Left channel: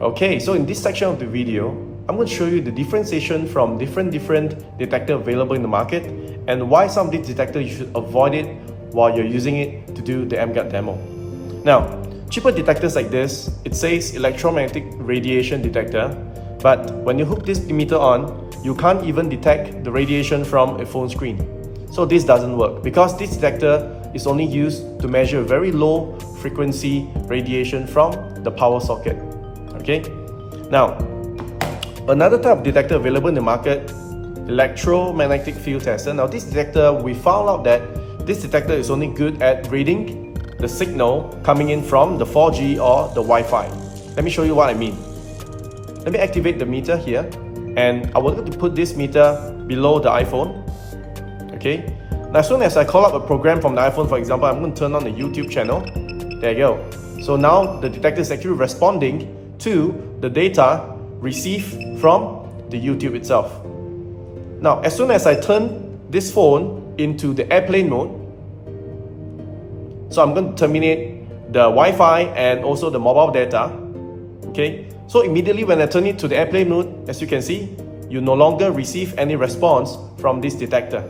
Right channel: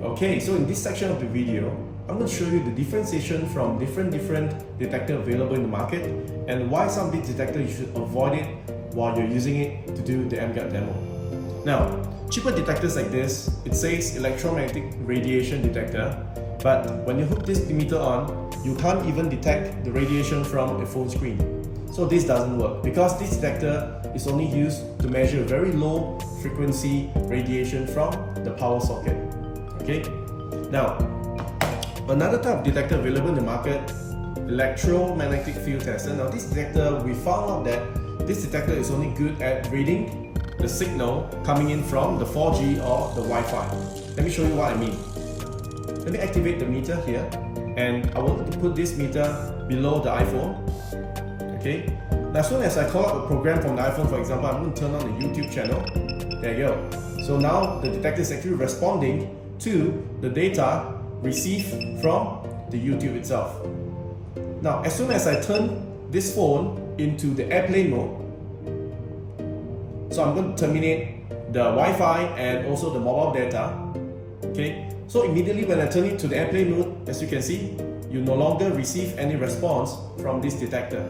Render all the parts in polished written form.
Okay, so in this section of the video, I'm going to show you the differentiation from different detectors available in the market and why some of these detectors you should avoid it while you're using it to do the Emguarde demo. Now, cheaper detectors like this, it says electromagnetic radiation detector, but when you hook this emitter on, you can't even detect the radiation from a phone screen. So this doesn't work because this detector is only used to measure very low frequency radiation from the power socket. Okay? Now, another type of detector available in the market, electromagnetic field tester. Now this detector, we found out that this detector is only good at reading the signal coming in from the 4G or the Wi-Fi. Let me show you what I mean. Let me activate the meter here, and I want to put this meter below the iPhone. Okay. Now as soon as I call up a program from the iPhone, for example, I'm going to turn on the YouTube channel. There you go. So now the detector is actually responding to the data received from the YouTube itself. Now as soon as I turn this phone into the airplane mode, so I'm going to terminate the Wi-Fi and also the mobile data. Okay, so immediately when I turn it to the airplane mode, as you can see, you no longer receive any response from this detector.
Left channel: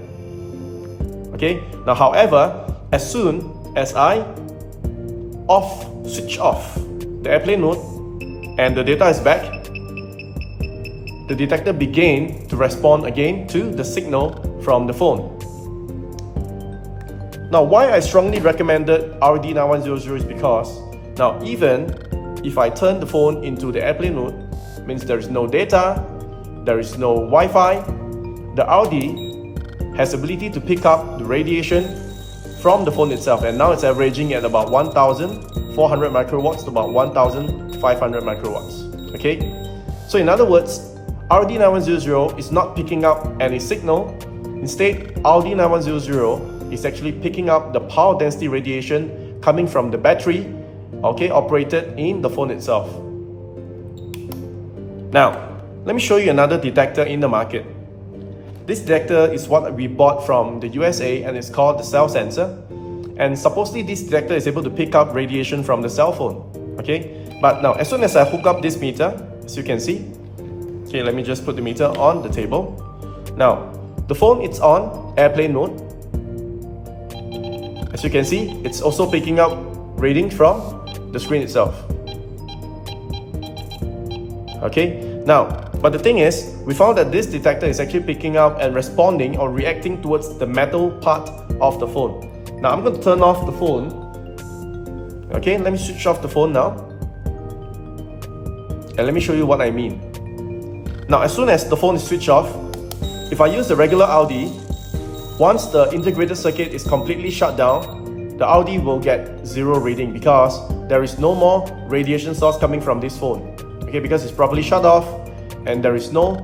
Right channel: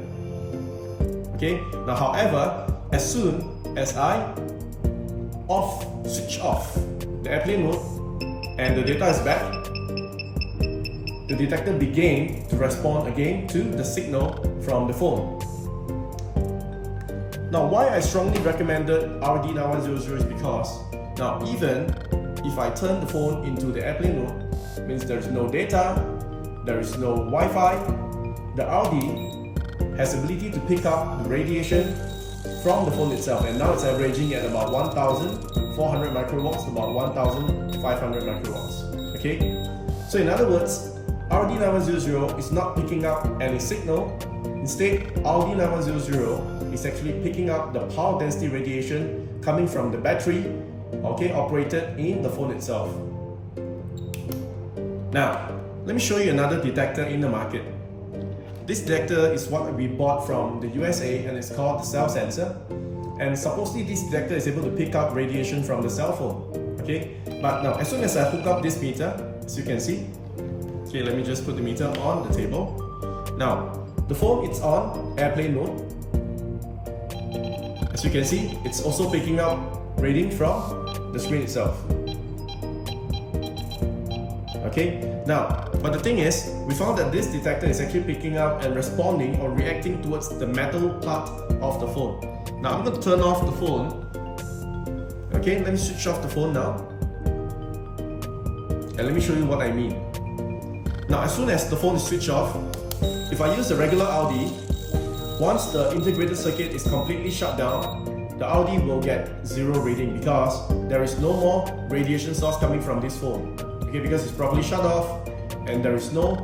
Okay, now however, as soon as I switch off the airplane mode and the data is back, the detector began to respond again to the signal from the phone. Now, why I strongly recommended RD9100 is because now even if I turn the phone into the airplane mode, means there is no data, there is no Wi-Fi, the RD has the ability to pick up the radiation from the phone itself, and now it's averaging at about 1,400 microwatts to about 1,500 microwatts. Okay, so in other words, RD9100 is not picking up any signal. Instead, RD9100 is actually picking up the power density radiation coming from the battery, okay, operated in the phone itself. Now, let me show you another detector in the market. This detector is what we bought from the USA, and it's called the cell sensor. And supposedly this detector is able to pick up radiation from the cell phone. Okay, but now as soon as I hook up this meter, as you can see, okay, let me just put the meter on the table. Now, the phone is on airplane mode. As you can see, it's also picking up reading from the screen itself. Okay, now, but the thing is, we found that this detector is actually picking up and responding or reacting towards the metal part of the phone. Now, I'm going to turn off the phone. Okay, let me switch off the phone now. And let me show you what I mean. Now, as soon as the phone is switched off, if I use the regular RD, once the integrated circuit is completely shut down, the RD will get zero reading because there is no more radiation source coming from this phone. Okay, because it's properly shut off and there is no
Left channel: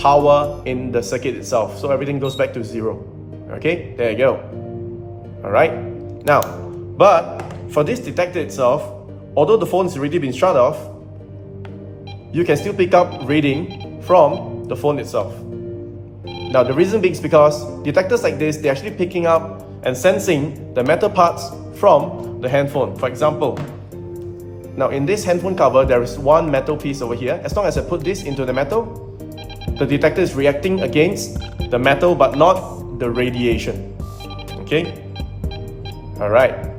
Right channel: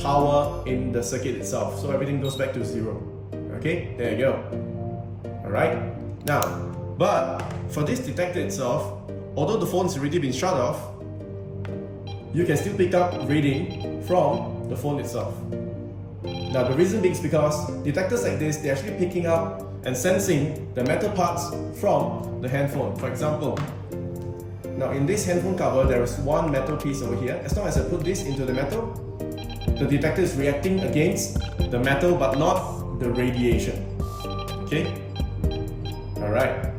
power in the circuit itself. So everything goes back to zero. Okay, there you go. Alright, now, but for this detector itself, although the phone's already been shut off, you can still pick up reading from the phone itself. Now the reason being is because detectors like this, they're actually picking up and sensing the metal parts from the handphone. For example, now in this handphone cover, there is one metal piece over here. As long as I put this into the metal, the detector is reacting against the metal but not the radiation. Okay? Alright.